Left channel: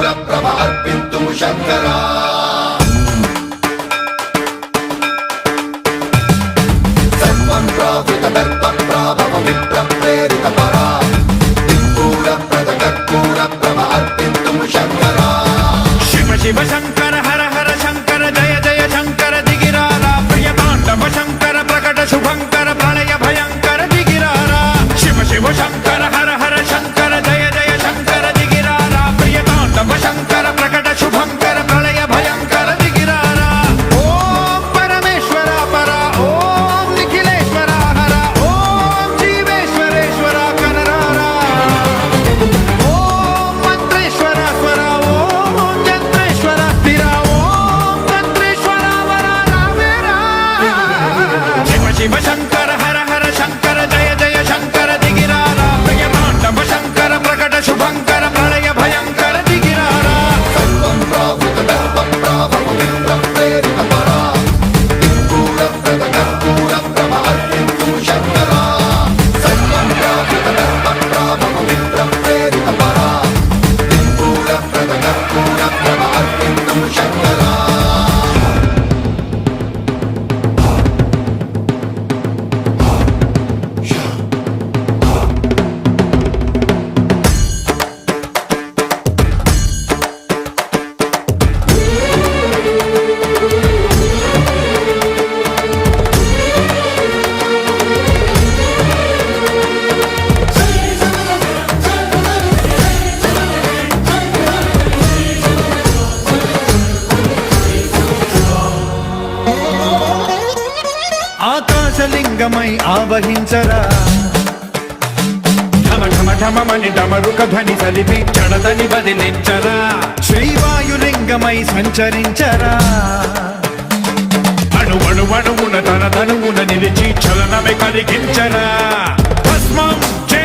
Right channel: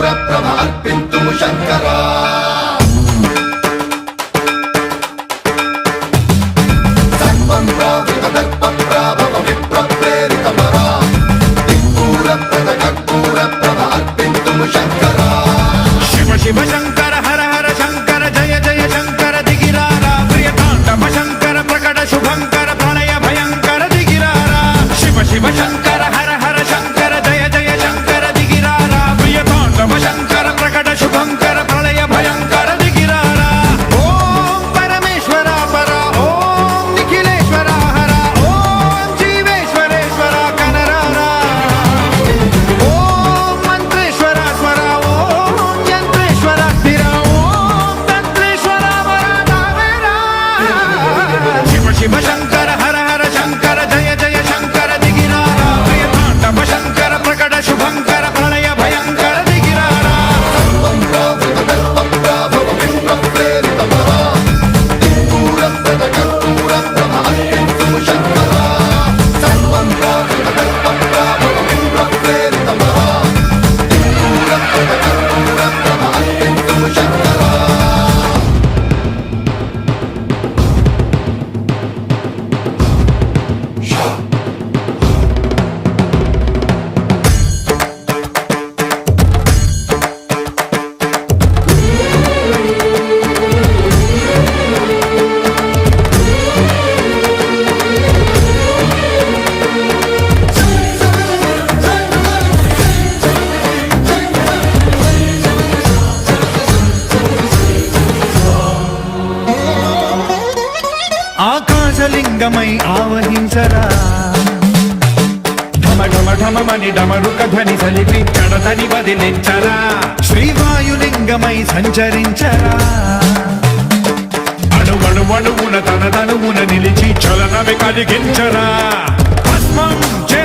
కర్పూర ప్రభ అర్పింతుము శంకరా సన్మన్రావృత దర్ప ప్రాభవ విప్ర ప్రేరిత పరా దిక్పూర ప్రద కర్పూర ప్రభ అర్పింతుము శంకరా శివ శివ శంకర హర హర శంకర జయ జయ శంకర దిగిరారా ప్రియ తాండవ శంకర ప్రకట శుభంకర ప్రళయ భయంకర దిగిరారా శివ శివ శంకర హర హర శంకర జయ జయ శంకర దిగిరారా ప్రియ తాండవ శంకర ప్రకట శుభంకర ప్రళయ భయంకర దిగిరారా ఓం పరమేశ్వర పర ఓం నిఖిలేశ్వర హర ఓం జీవేశ్వరేశ్వర కరరారా ఓం మంత్రేశ్వర స్వర ఓం యంత్రేశ్వర స్థిర ఓం తంత్రేశ్వర వర నావేరా శివ శివ శంకర హర హర శంకర జయ జయ శంకర దిగిరారా ప్రియ తాండవ శంకర ప్రకట శుభంకర ప్రళయ భయంకర దిగిరారా సన్మన్రావృత దర్ప ప్రాభవ విప్ర ప్రేరిత పరా దిక్పూర ప్రద కర్పూర ప్రభ అర్పింతుము శంకరా సన్మన్రావృత దర్ప ప్రాభవ విప్ర ప్రేరిత పరా దిక్పూర ప్రద కర్పూర ప్రభ అర్పింతుము శంకరా ఆకాశలింగమై ఆవహించరా ఢమ ఢమ ఢమమని డమరుక ధ్వని సలిపి చడదని బదిలించరా శ్రీవాయులింగమై సంచరించరా అణువణువున తన తనువున నిలిచి చలనమే కలిగించరా భస్మం చే